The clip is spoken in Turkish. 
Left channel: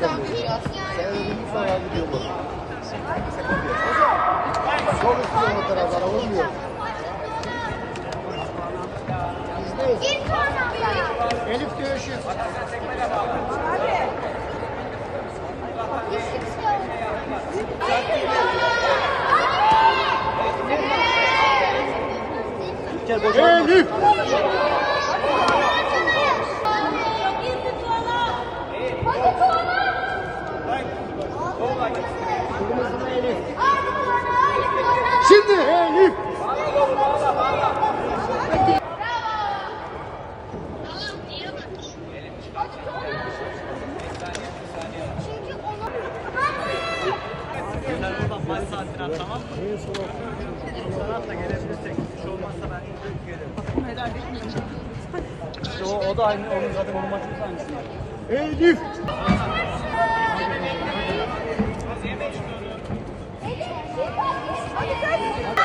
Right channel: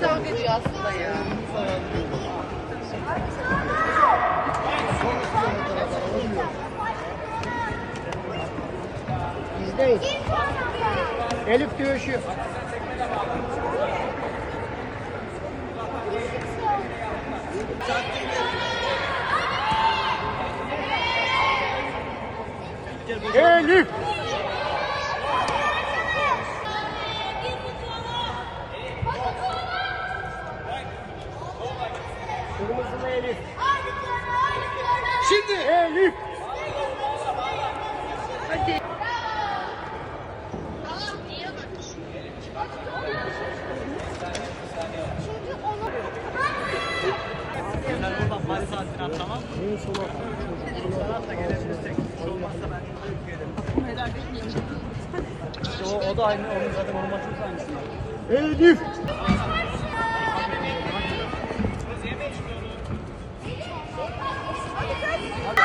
pozisyon veriyor aslında. Elif Güneş'i. Elif! Saatini at tamam mı? At da gelebilirsek. Hiç olmazsa ben gelirim. İşte o, o da aynı. Onun zaten onun maçımız aynısı. Elif. Hadi kaç.